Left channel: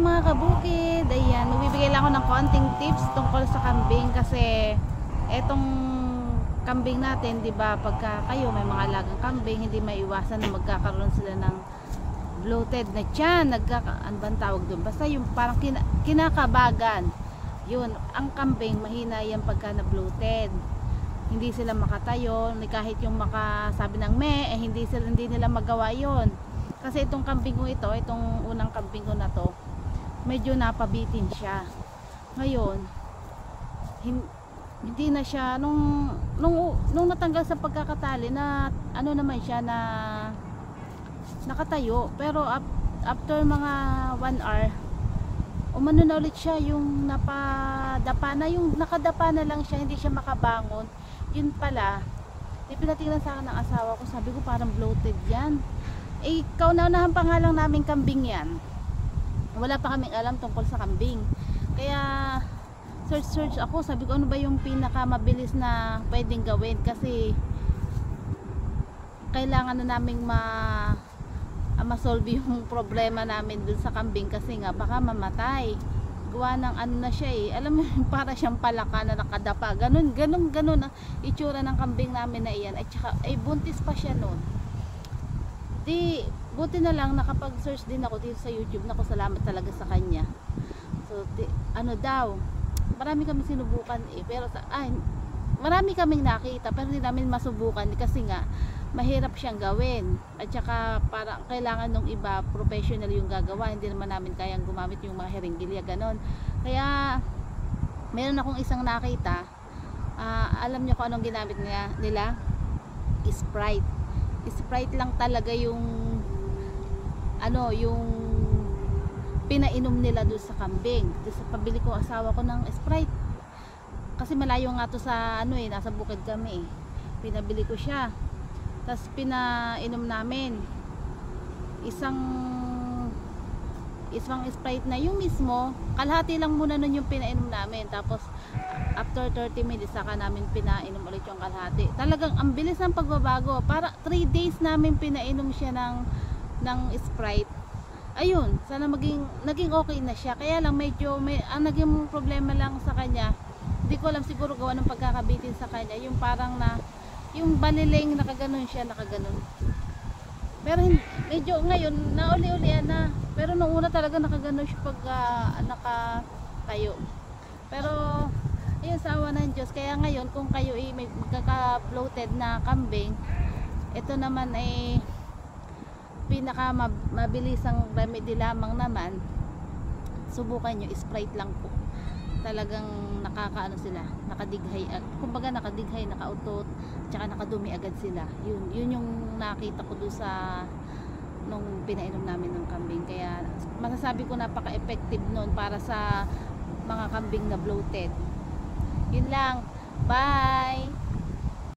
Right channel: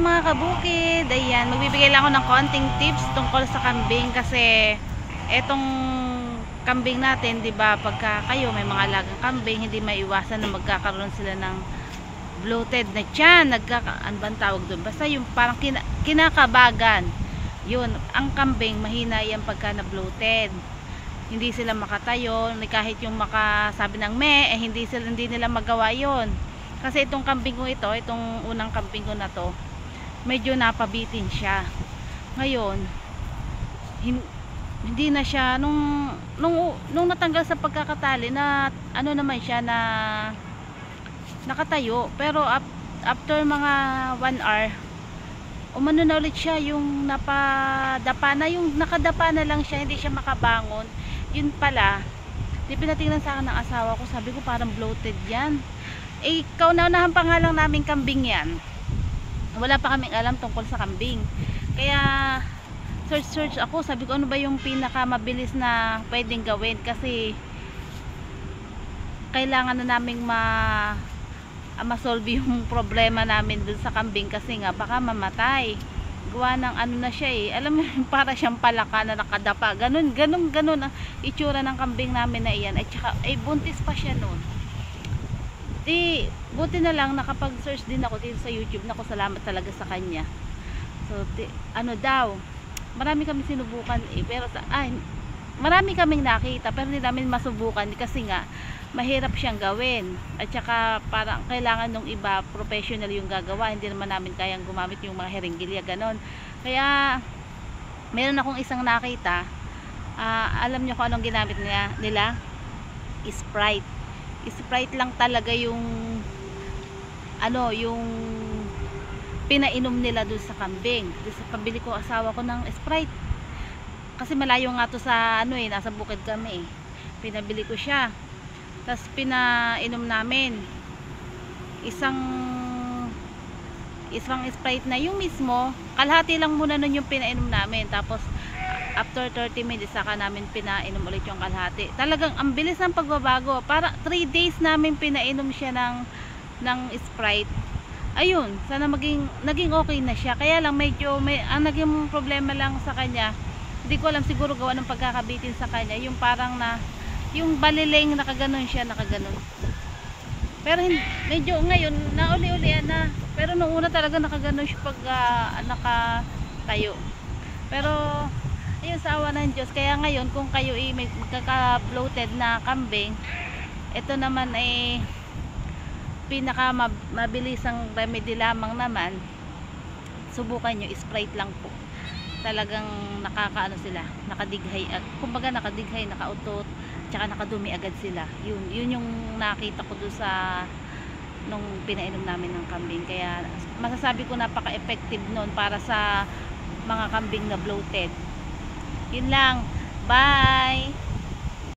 mga kabukid. Ayan, magbibigay lang ako ng konting tips tungkol sa kambing kasi etong kambing natin, 'di ba? Pagka kayo may mga alagang kambing, hindi maiwasan na magkakaroon sila ng bloated na tiyan, ano bang tawag doon? Basta yung parang kinakabagan. 'Yun, ang kambing mahina 'yan pagka na bloated. Hindi sila makatayo, kahit yung makasabi ng hindi nila magawa 'yon. Kasi itong kambing ko ito, itong unang kambing ko na to, medyo napabitin siya. Ngayon, hindi na siya nung natanggal sa pagkakatali na ano naman siya na nakatayo, pero after mga 1 hour umano na ulit siya, yung napadapa na, yung nakadapa na lang siya, hindi siya makabangon. Yun pala, di pinatingnan sa akin ng asawa ko, sabi ko parang bloated yan. Kauna-unahan pa nga lang namin kambing yan, wala pa kaming alam tungkol sa kambing, kaya search ako, sabi ko ano ba yung pinaka mabilis na pwedeng gawin, kasi kailangan na naming ma-solve yung problema namin dun sa kambing, kasi nga baka mamatay. Gawa ng ano na siya alam mo para siyang palaka na nakadapa, ganun ang itsura ng kambing namin na iyan. At saka buntis pa siya noon. Di buti na lang nakapag-search din ako dito sa YouTube, nako salamat talaga sa kanya. So ano daw, marami kami sinubukan pero marami kaming nakita pero hindi namin masubukan kasi nga mahirap siyang gawin, at saka parang kailangan nung iba professional yung gagawa, hindi naman namin kayang gumamit yung mga herenggilya ganon. Kaya meron akong isang nakita, alam nyo kung anong ginamit nila? Sprite lang talaga yung yung pinainom nila doon sa kambing. Sa pabili ko asawa ko ng Sprite kasi malayo nga to sa nasa bukid kami pinabili ko siya, tapos pinainom namin isang Sprite na yung mismo, kalahati lang muna nun yung pinainom namin, tapos after 30 minutes saka namin pinainom ulit yung kalahati. Talagang ang bilis ng pagbabago, para 3 days namin pinainom siya ng Sprite. Ayun, sana naging okay na siya. Kaya lang medyo ang naging problema lang sa kanya, hindi ko alam, siguro gawa ng pagkakabitin sa kanya, yung parang yung baliling nakaganon siya, nakaganon. Pero medyo ngayon nauli-ulian na, pero nung una talaga nakaganon siya pag nakatayo. Pero ayun, sa awa ng Diyos. Kaya ngayon kung kayo may magkaka-bloated na kambing, ito naman pinaka mabilisang remedy lamang naman, subukan nyo, Sprite lang po. Talagang nakakaano sila, nakadighay, kumbaga nakadighay, nakautot, tsaka nakadumi agad sila. Yun yung nakita ko doon sa nung pinainom namin ng kambing. Kaya masasabi ko napaka-effective nun para sa mga kambing na bloated. Yun lang, bye.